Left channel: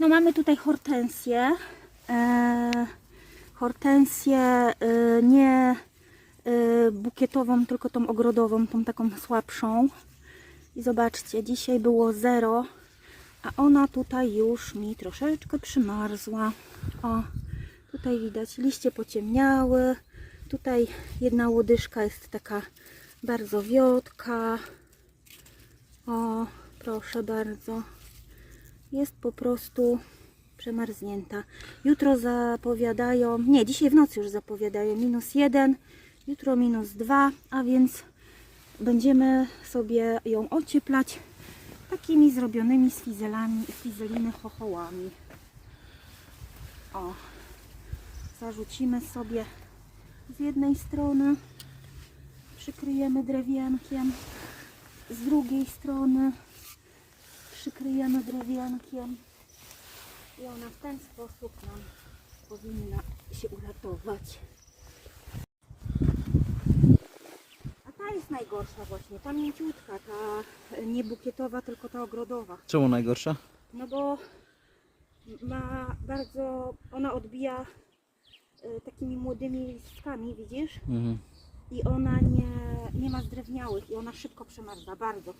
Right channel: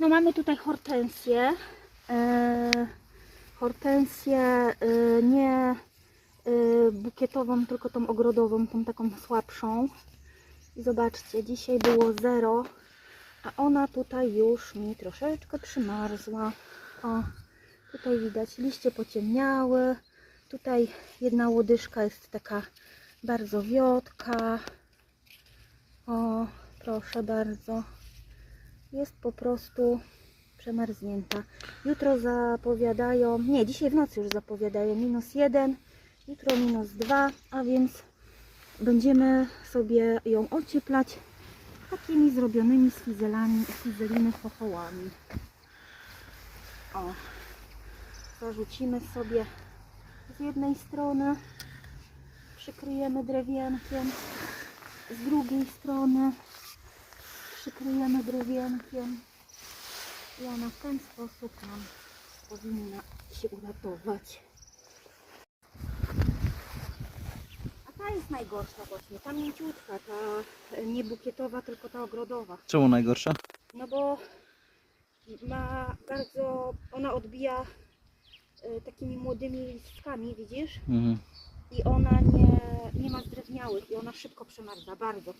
No mamy tutaj hortensję. E, hortensję e, nie e, bukietową, tylko tą ogrodową, tą taką słabszą. I zobaczcie, dzisiaj było zero, a ona tutaj już mi troszeczkę przymarzła. O, tutaj widać, liście pociemniały. Tutaj jedna łodyżka jest taka bardzo wiotka. O, proszę bardzo. Jest po prostu przemarznięta. Jutro zapowiadają, nie, dzisiaj w nocy już zapowiadają minus jeden, jutro minus dwa, a więc będziemy sobie ją ocieplać takimi zrobionymi z fizelami, fizeliny. O, zarzucimy sobie z jednej strony, przykryjemy drewienkiem, z drugiej strony przykryjemy drewienkiem i ona w ten sposób nam powinna się uratować. A ta jest najgorsza właśnie, ta mięciutka, ta nie bukietowa, tylko ta ogrodowa. Czemu najgorsza? No bo ma bardzo, ona odbija e, takimi młodymi listkami, widzisz? Mhm. I ona nie, nie ma zdrewniałych i ona szybko przemarza, bardzo.